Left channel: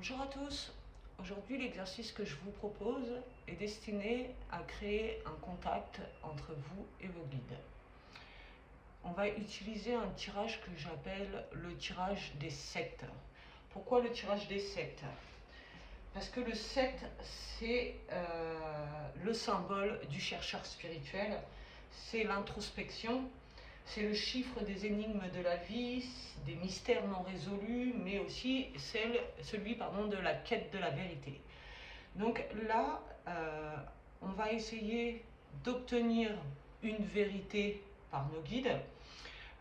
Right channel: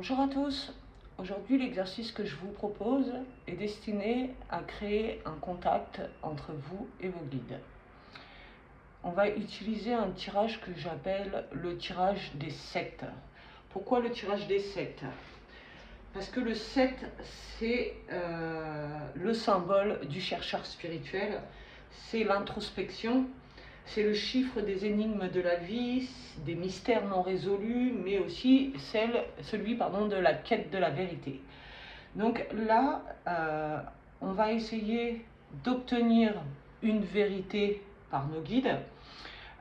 Bonjour à tous, aujourd'hui l'exercice que je vous propose est destiné à créer un contact entre vous et vos guides. On va utiliser un tirage que j'appelle le tirage des 7. Pourquoi le tirage des 7? Parce que le 7 c'est le symbole du chercheur spirituel, c'est l'introspection. C'est le chiffre des énigmes de la vie, des mystères non résolus, mais aussi celui de la quête de la vérité. Donc là, on va essayer d'obtenir une vérité par nos guides,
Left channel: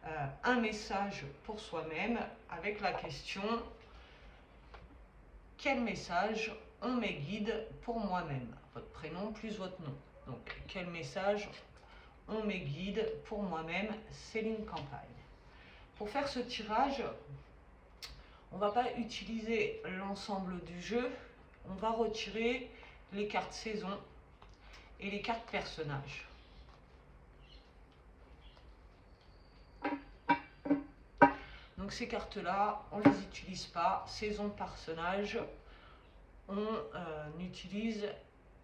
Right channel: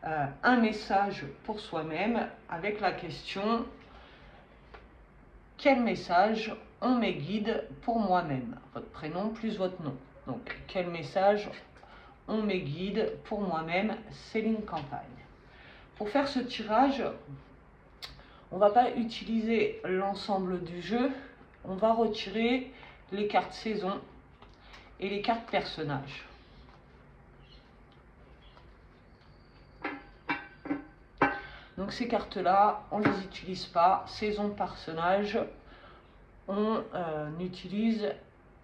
un message pour soi-même avec la question « Quel message ont mes guides pour moi-même » Votre prénom plus votre nom. Donc, quel message ont mes guides pour moi-même, Céline Campagne. Pour faire ce tirage, on ne va pas utiliser l'ensemble du jeu, on va retirer les cartes saison et les cartes personnages. Donc ces cartes-là, on ne les utilise pas, saison, personnage, on utilise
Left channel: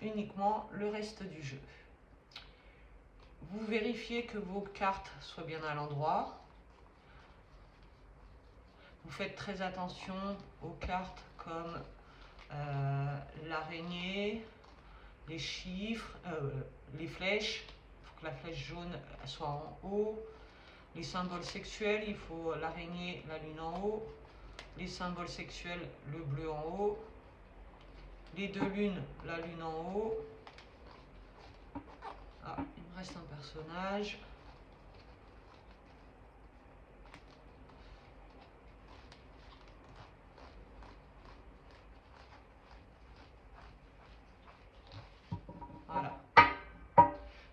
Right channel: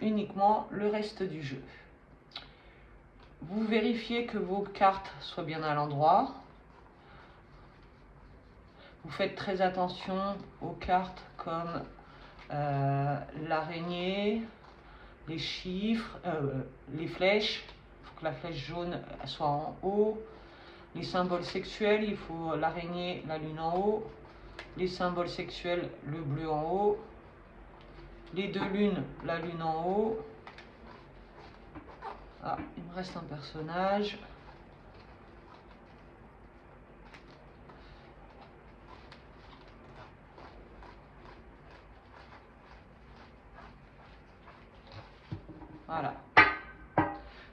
uniquement le reste du jeu. Vous vérifiez que vos cartes soient bien à l'endroit. Vous faites très attention aux cartes comme l'araignée, les chiffres, les flèches. Il faut que la flèche jaune soit en haut. Les symboles sexuels, il faut l'araignée, la lune en haut. Les symboles sexuels, le bleu en haut. Les deux lunes, la lune en haut. Ah, il me reste un personnage. Voilà.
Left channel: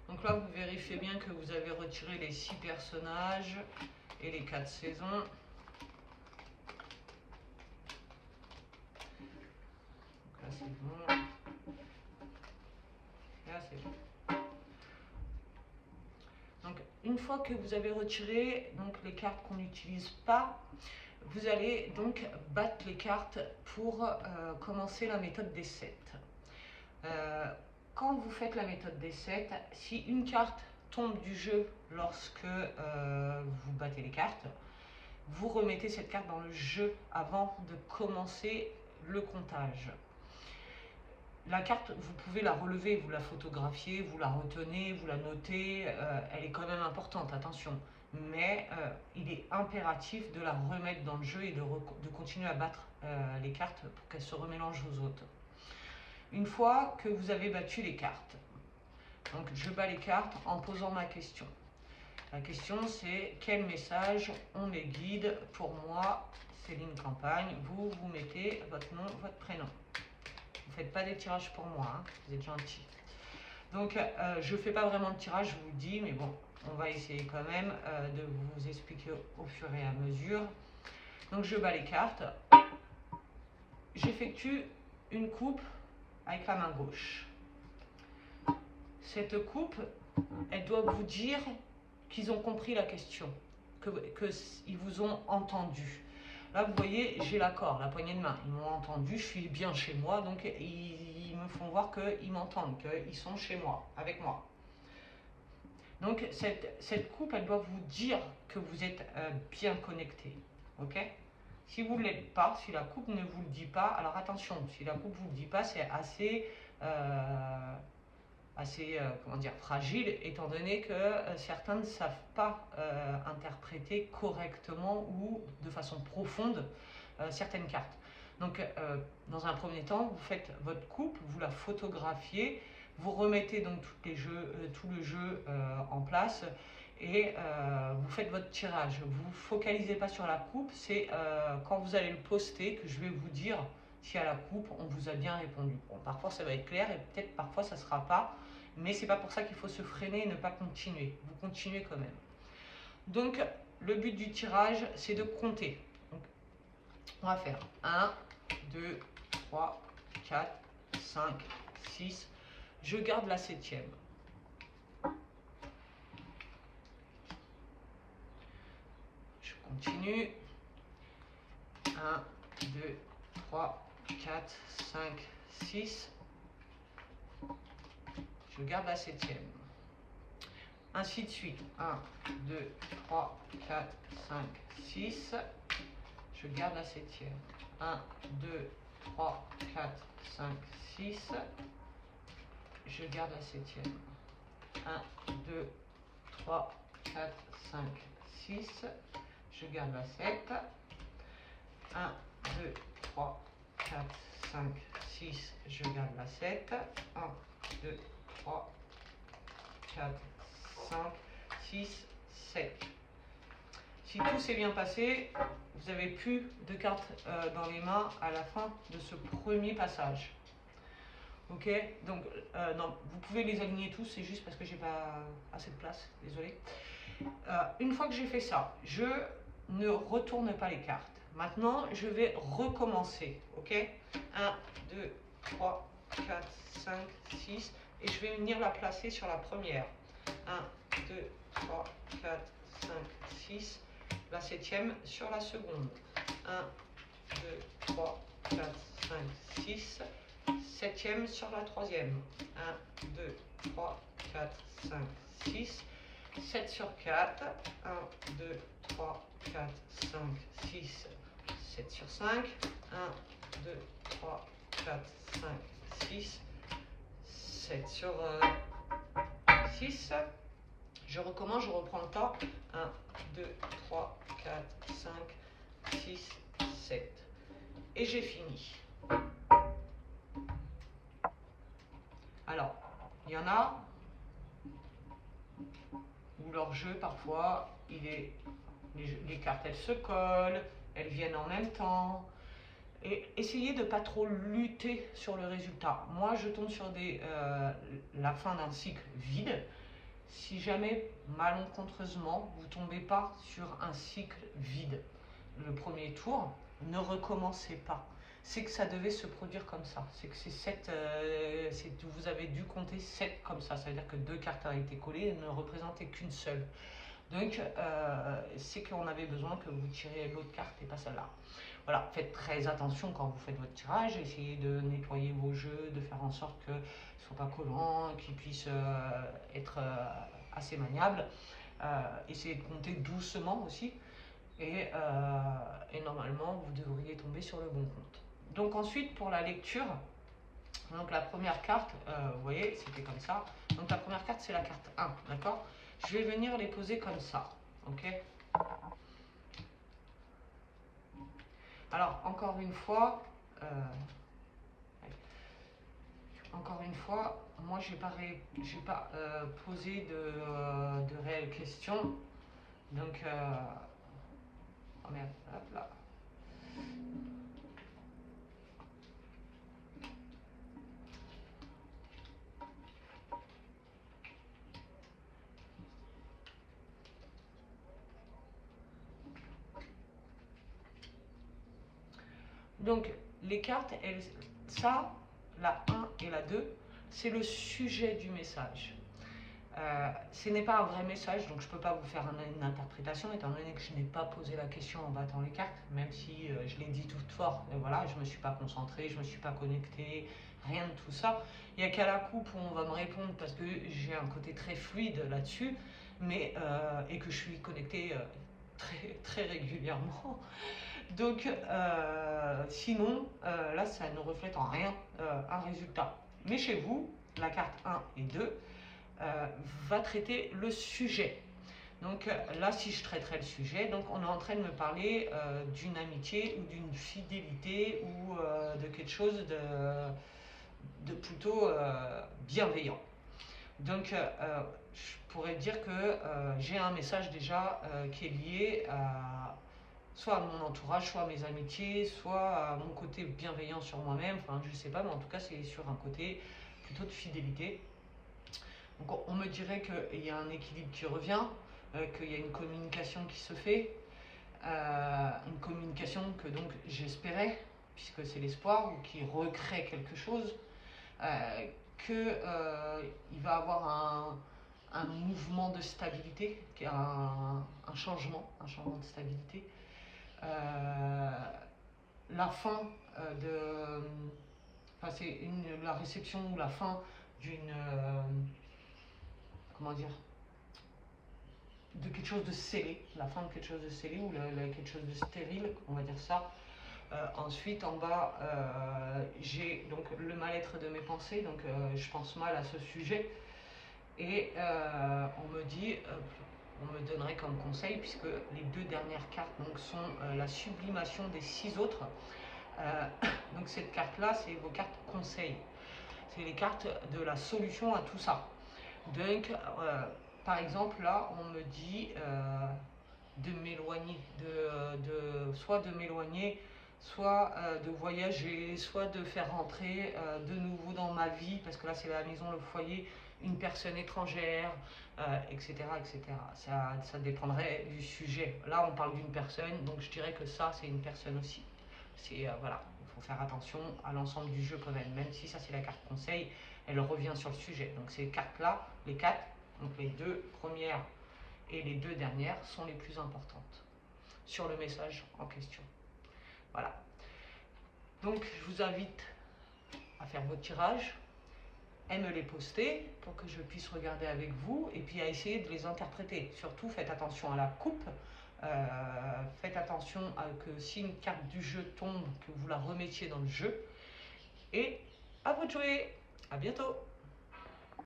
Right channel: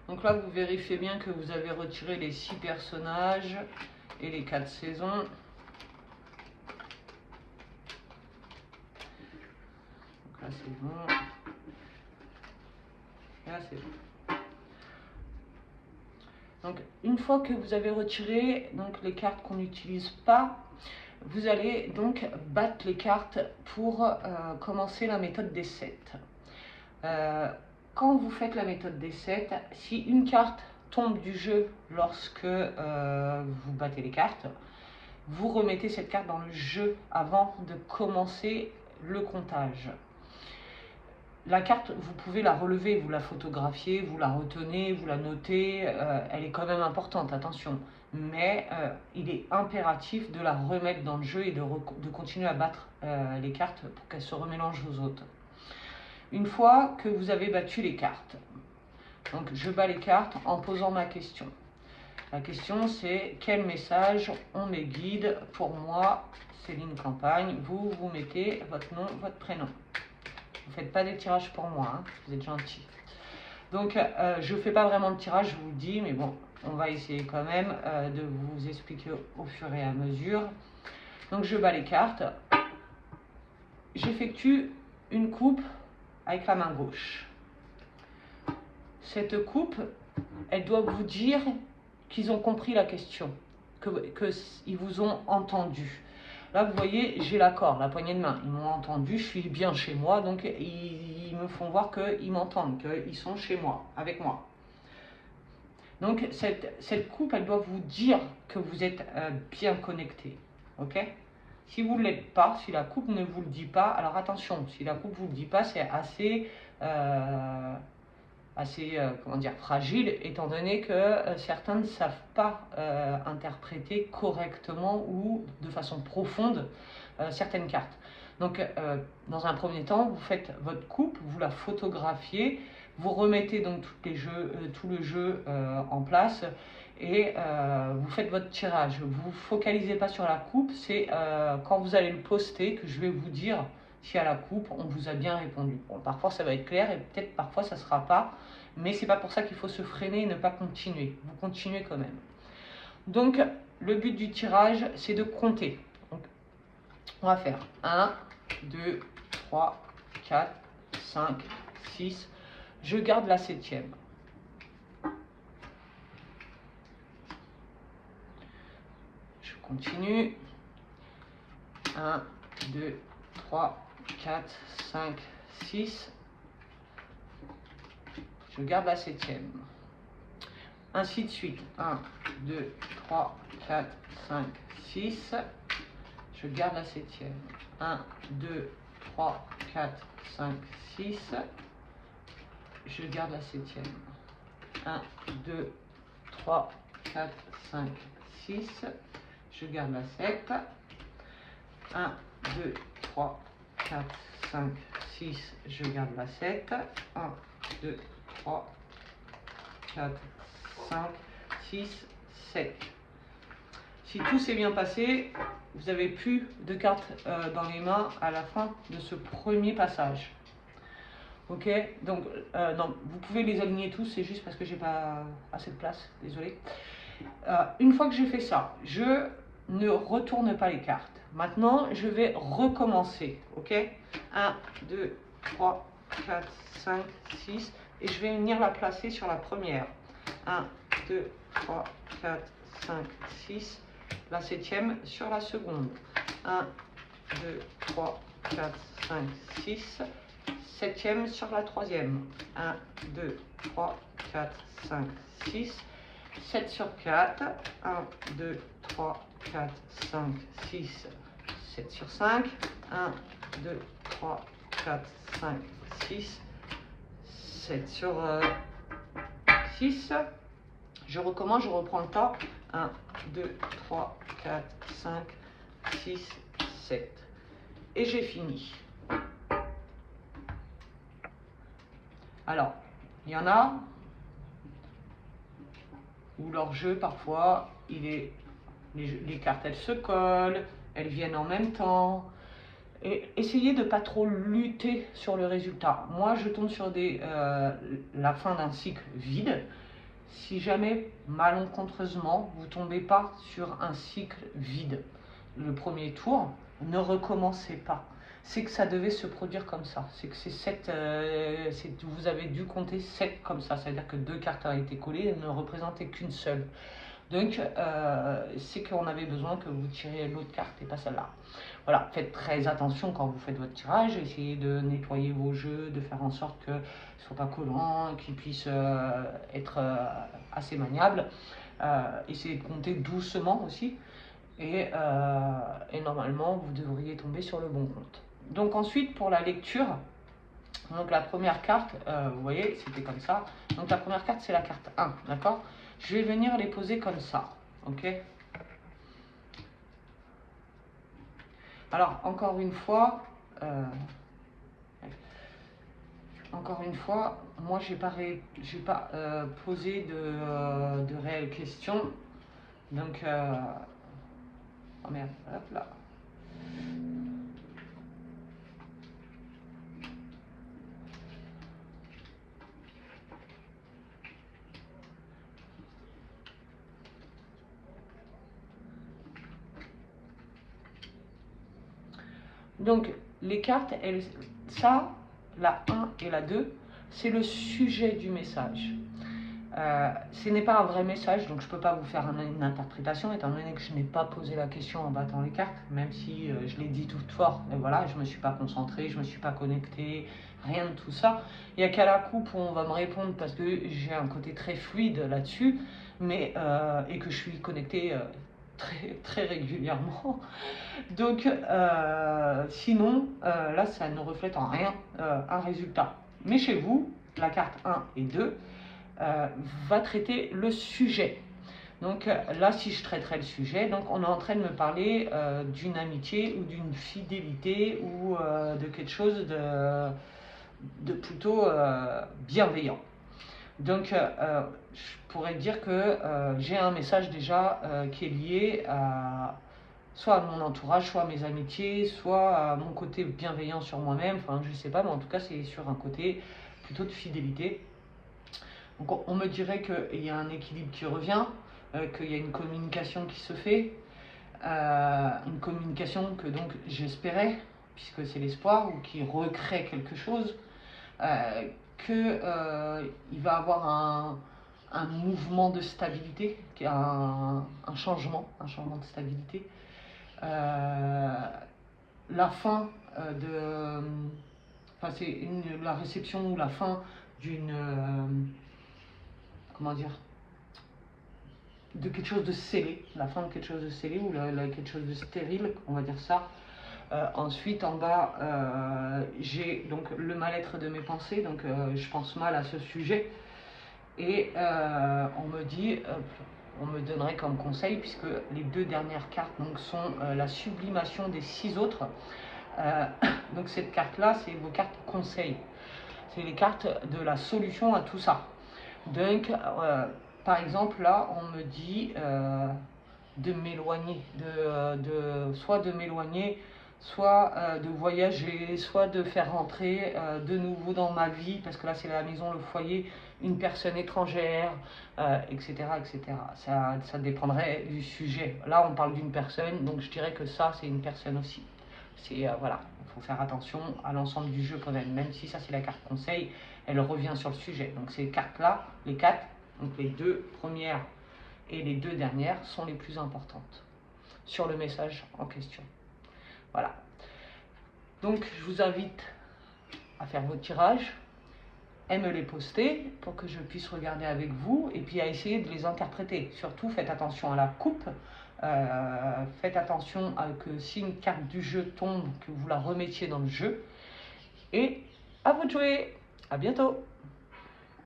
Donc là, vous vérifiez bien que vous avez retiré les 6 personnages et les 4 saisons. Donc là, c'est bon. Là, c'est bon. Donc, une fois que vous avez retiré les cartes qu'on n'utilise pas, vous allez donc battre les cartes pour commencer la méthode des 7. Quand vous faites la méthode des 7, si une carte tombe du jeu lorsque vous battez les cartes, vous remettez cette carte dans le jeu avant de commencer le comptage. La carte, vous pouvez la relever, vous la photographiez, vous la retenez, vous la notez, elle est quand même importante, attention. Mais il est impératif de la remettre dans le jeu et de continuer à battre les cartes pour qu'elles se remélangent aux autres. Une fois que vous avez battu les cartes, donc je bats les cartes en posant ma question. La question c'est quel message ont mes guides pour moi, Céline Campagne. Vous mettez votre nom, votre prénom. Vous ne faites pas des tirages pour moi, hein, vous êtes gentil. Donc je ne fais pas vraiment de tirage, je vous le dis, mais bon, on va essayer quand même de vous expliquer au fur et à mesure. Donc je bats les cartes. J'effectue une coupe avec la main gauche. Cette coupe, elle doit vous dire qu'ils ont compris la question, qu'ils vous ont entendu. Là, vous voyez, j'ai l'accord, la poignée de main. Ils m'ont entendu, je suis bien chez moi, donc ils me font voir qu'ils m'entendent, qu'ils sont chez moi, avec moi. Donc, cette coupe, elle doit vous dire que vous êtes bien connecté. Ok? Si vous ne l'êtes pas, si la coupe ne vous le dit pas, alors attention, si la coupe ne vous le dit pas, c'est assez fragile, étant donné que certains ne savent pas interpréter correctement ou de façon profonde certaines cartes. Donc, dans un premier temps, vous faites votre coupe, vous la photographiez, vous remettez donc tout le jeu en place et vous faites votre tirage. Vous ne focalisez pas sur la coupe, c'est quand vous allez le poster que je vais vous dire si à la coupe on vous a bien répondu. Bon, parfois ça va être clair et peut-être parfois ça ne sera pas, mais c'est pas pour ça qu'il faut se freiner et ne pas continuer. Vous continuez quand même. Donc le but du tirage c'est de compter. Donc, on va faire 1, 2, 3, 4, 5, 6. Je garde la 7e. Je continue. 1, 2, 3, 4, 5, 6. Je garde la septième. Ainsi de suite. 1, 2, 3, 4, 5, 6. Je garde la septième. 1, 2, 3, 4, 5, 6. Je garde la septième. 1, 2, 3, 4, 5, 6. Je garde la 7. 1, 2, 3, 4, 5, 6. Je garde la 7. 1, 2, 3, 4, 5, 6, 7. Si tout s'est bien passé, vous n'avez plus de cartes dans les mains à la fin de ce premier passage. Ok, donc non, vous pouvez les aligner tous, c'est juste parce que j'ai pas assez de place, désolé. Une fois que j'ai fait ça, je ne retourne pas les cartes. Maintenant, je vais recommencer, ok. 1, 2, 3, 4, 5, 6, et je vais venir la placer sur la première. 1, 2, 3, 4, 5, 6, la septième sur la seconde. 1, 2, 3, 4, 5, 6, septième sur la troisième. 1, 2, 3, 4, 5, 6, 7 sur 4. 1, 2, 3, 4, 5, 6, 7 sur 5. 1, 2, 3, 4, 5, 6, 7 sur 6. Je recommence, je reprends le tas. 1, 2, 3, 4, 5, 6, 7. Et j'ai fini. Alors, il y en a où leur jeu, parfois, les cartes, elles se collent, elles viennent en même temps. Et essayez de ne pas trop lutter sur le résultat. Moi, je tombe sur la fin d'un cycle vide. Si jamais, malencontreusement, vous ne tombez pas sur un cycle vide le premier tour, ne recommencez pas. C'est que ça devait se produire comme ça. C'est que vous avez dû compter 7 comme ça. C'est-à-dire que 2 cartes ont été collées et ne représentaient qu'une seule. Donc, c'est qu'on avait besoin que vous tiriez l'autre carte et pas celle-là. Voilà, faites très attention quand vous faites votre tirage. Essayez de nettoyer vos jeux, de faire en sorte qu'ils ne soient pas collants, qu'ils puissent être assez maniables. Essayez de compter doucement aussi. Et normalement, vous devriez tomber sur le bon compte. Donc ensuite, pour la lecture, donc la première carte, vous voyez, c'était comme ça. Donc la première carte, c'est la carte 1, d'accord? Je vais venir les poser comme ça, ok? Alors, encore une fois, moi, j'ai pas posé de réelles questions. Donc, oh merde, hop là. Donc, les cartes, ça, la 1 et la 2, c'est le sujet du message. Ce n'est pas un vrai message, donc je ne peux pas vous faire une interprétation, étant donné que je n'ai pas posé la question en battant les cartes, même si je l'ai dit tout fort, et voilà, je ne me suis pas concentré, je ne me suis pas connecté, rien de tout ça. Il n'y a qu'à la coupe où on va me répondre, parce que j'ai un côté très fluide là-dessus, et que je suis connecté très, très régulièrement. Donc, sinon, là, ça ne reflète en rien un résultat. Mais chez vous, la carte 1 et 2 va traiter le sujet. Donc là, si je traiterais le sujet, donc on est en train de me parler d'une amitié ou d'une fidélité ou de quelque chose de plutôt bienveillant. Donc, je pourrais dire que j'ai un message déjà qui est lié soit à mon entourage, soit à mes amitiés, soit à mon côté bienveillant sur moi-même. Enfin, je sais pas, mais en tout cas, c'est sur un côté plutôt de fidélité. Donc, on me dirait qu'il y a un équilibre qui revient, qu'il y a une communication qui se fait, une communication que donc j'espérais, puisque c'est l'espoir, ou qui recrée quelque chose, qu'il va avoir un mouvement de stabilité, un changement de stabilité. La fin Enfin, c'est la réception ou la fin d'une... comment dire, de quelque chose de scellé, la fin de quelque chose de scellé ou quelque chose de stérile, on va dire ça. Ensuite, en bas, j'ai donc le mal-être de mes pensées, donc je pense mal à ce sujet. Et on me dit, on me donnerait comme conseil, puisque les 2 dernières cartes donc, sont la sublimation des 6 autres. Donc cette carte-là, c'est vos cartes conseils. C'est les cartes de la solution à tout ça. Donc, par exemple, là, on me dit de m'éloigner, soit de m'éloigner, soit de voyager, soit de faire rentrer de nouveau dans ma vie, parce que là, c'est la maison, le foyer, une personne étrangère, etc., etc. Ça dépendrait du sujet. Là, on parle d'une personne, donc je dirais que ça, c'est une personne aussi. Voilà, il faut faire attention à l'ensemble du jeu quand même, même si ça, c'est la carte conseil, elle revient sur le sujet. Donc ces cartes-là, les 4, donc les 2 premières et les 2 dernières sont les plus importantes sur le message en question. Voilà. Donc je vous invite à faire vos tirages, à me les poster pour que je puisse regarder avec vous et puis à essayer de les interpréter. Surtout faites attention à la coupe, faites attention à que si une carte du jeu tombe, que vous la remettiez dans le jeu. Et à vous de jouer. À bientôt.